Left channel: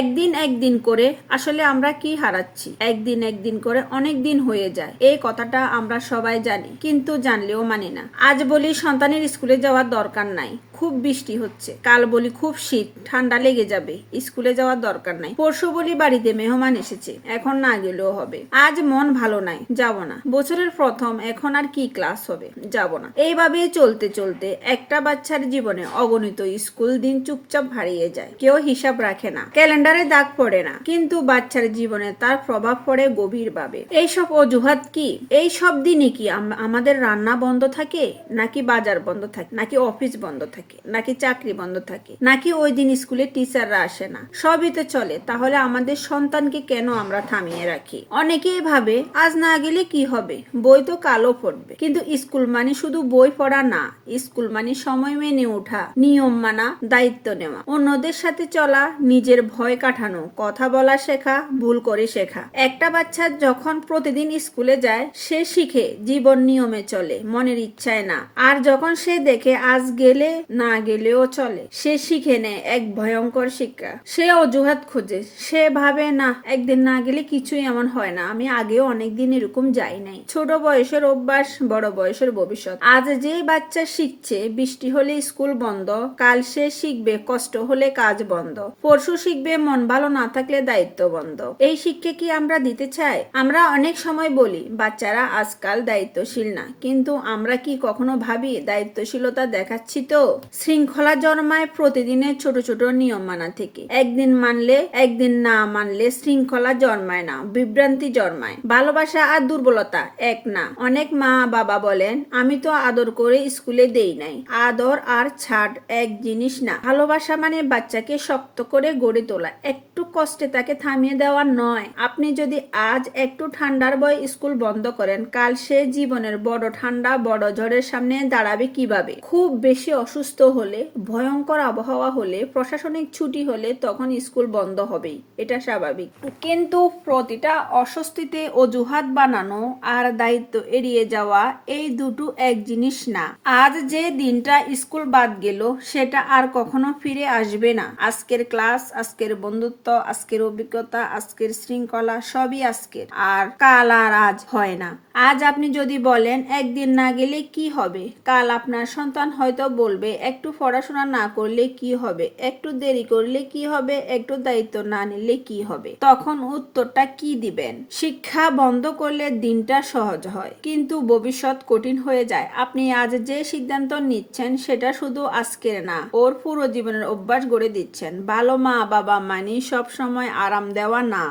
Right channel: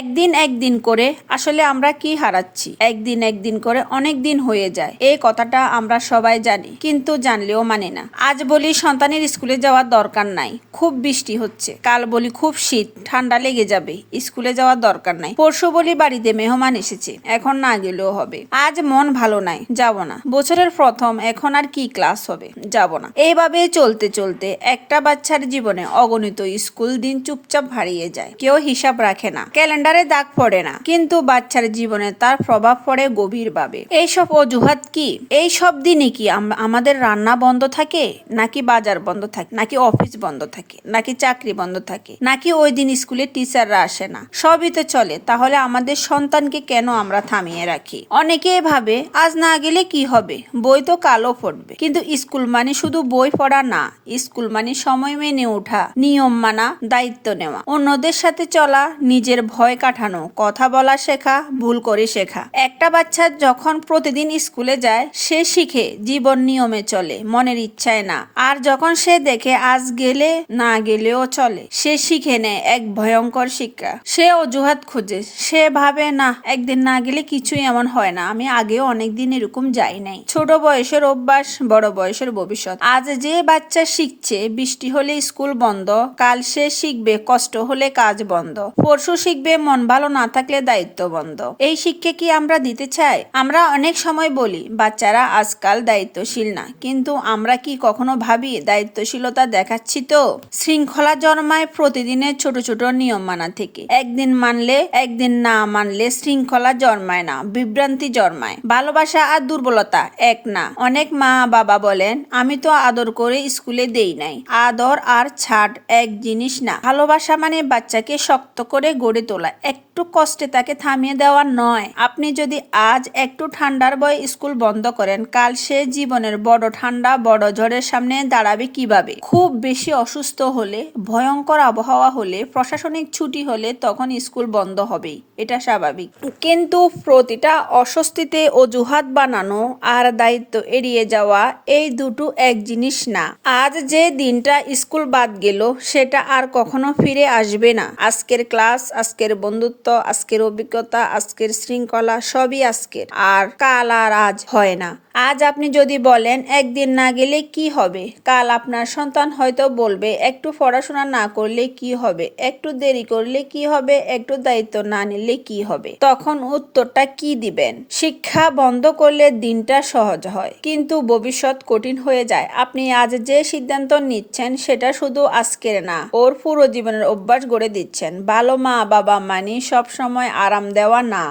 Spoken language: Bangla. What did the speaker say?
একদিন একদিন করে আসলে আমরা কি হারাচ্ছি? একদিন একদিন করে অনেক দিন হয়ে যায়, এই কথাটা আমরা সবাই জানি, কিন্তু জানলেও মানি না। আজ বলি সন্তানের স্কুলে যাওয়ার দরকার নাই, খুব বৃষ্টি হচ্ছে। কাল বলি খুব শীত, ঠান্ডা লেগে যাবে, স্কুলে যাওয়ার দরকার নাই। পরশু বলি বাড়িতে মেহমান এসেছে, এখন না গেলেও হবে। আজ মন ভালো নাই, যাব না। বছরের প্রথম, এখন আর কি ক্লাস হবে, যাব না। এইভাবে চলতে চলতে একটা বাচ্চার জীবনে অগণিত স্কুল দিন চুপচাপ হারিয়ে যায়। কেউ হিসাব রাখে না, ক্যালেন্ডারে দাগ পড়ে না, কিন্তু বাচ্চার জীবনে তার প্রভাব পড়ে গভীরভাবে। এইসব অজুহাত কি? এই সব দিনে কি আমাদের রান্না বন্ধ থাকে, নাকি বাজার বন্ধ থাকে, নাকি অফিস বন্ধ থাকে, নাকি চাকরি বন্ধ থাকে, নাকি ওই দিন স্কুলে টিচাররা আসে না? সবই তো চলে, তাহলে আমাদের সন্তানকে কেন আমরা থামিয়ে রাখি? অনেকে ভাবে আজ না গেলে কি হবে, বই তো কালও পড়বে। কিন্তু স্কুল মানে শুধু বই পড়া না, স্কুল মানে সময় মেনে ওঠা, নিয়ম মানা, দায়িত্ব নেওয়া, অন্যদের সাথে চলা, নিজের ভয় কাটানো, কথা বলা শেখা, ভুল করে শেখা। একটা বাচ্চা যখন প্রতিদিন স্কুলে যায়, সে শিখে জীবন নিয়মে চলে, মনের ইচ্ছায় না। আর যখন সে দেখে আজ গেলে না গেলেও চলে, সে শিখে নেয় এক ভয়ঙ্কর শিক্ষা। সে অজুহাত খোঁজে, সে ভাবে না, একদিন না গেলে কিছুই এমন হয় না, আমি আগেও অনেকদিন এরকম যাই নাই। ছোট বয়সের অভ্যাস, বড় বয়সের ভবিষ্যৎ। আজ যে বাচ্চা শিখছে বৃষ্টি হলে স্কুল বন্ধ, কাল সে শিখবে কষ্ট হলে কাজ বন্ধ, পরশু শিখবে মন ভালো না থাকলে দায়িত্ব বন্ধ। এই শিক্ষা কি আমরা দিতে চাই? আমরা অনেক সময় বলি বাচ্চারা আজকাল দায়িত্বশীল না, কিন্তু আমরা কি কখনো ভাবি দায়িত্বশীলতা দেখাচ্ছি তো? শৃঙ্খলা জন্মায় প্রতিদিনের ছোট ছোট নিয়ম মানা থেকে। একদিন মানলে, একদিন না মানলে শৃঙ্খলা জন্মায় না, বিভ্রান্তি জন্মায়। ভালোবাসা আর দুর্বলতা এক না। অনেক মা বাবা বলেন, আমি তো আদর করে স্কুলে দেই নাই। আদর আর ছাড় এক জিনিস না। ভালোবাসা মানে বাচ্চাকে শক্ত করে গড়ে তোলা, একটু কষ্টে তাকে থামিয়ে দেওয়া নয়। আপনি যদি আজ একটু ঠান্ডার ভয় স্কুল বন্ধ করেন, কাল সে জীবনের বড় ঠান্ডা, বড় ঝড়ের সামনে দাঁড়াবে কিভাবে? খুব বেশি অসুস্থ হলে, ভয়ঙ্কর আবহাওয়া হলে, প্রশাসনিক ছুটি হলে তখন স্কুল বন্ধ হবেই, এটা স্বাভাবিক। কিন্তু প্রতিটা অস্বস্তিতে অজুহাত বানানো আর দায়িত্ব এড়িয়ে যাওয়া, এই দুটো এক জিনিস না। আজ যে দিনটা স্কুল বাদ গেল, সেটা আর কখনো ফিরে আসবে না। আজকের ক্লাস, আজকের বন্ধুত্ব, আজকের অভিজ্ঞতা, আজকের শৃঙ্খলা, সবই আজকের। আর কাল আর আজ হয় না। আজ আপনি যদি বলেন একদিন না গেলে কি হবে, কাল আপনার সন্তান হয়তো বলবে একটু পড়াশোনা না করলে কি হবে, একটু দেরি করলে কি হবে, একটু দায়িত্ব না নিলে কি হবে। তখন উত্তরটা কি দিবেন? শিক্ষা বন্ধ করলে দিনটা সহজ হয়, কিন্তু ভবিষ্যৎ কঠিন হয়ে যায়। আপনি আজ যে সিদ্ধান্ত নিচ্ছেন, সেটা শুধু আজকের না, ওর পুরো জীবনের অভ্যাস গড়ে দিচ্ছেন। ভালো মা বাবা মানি সব সময় আরাম দেওয়া না।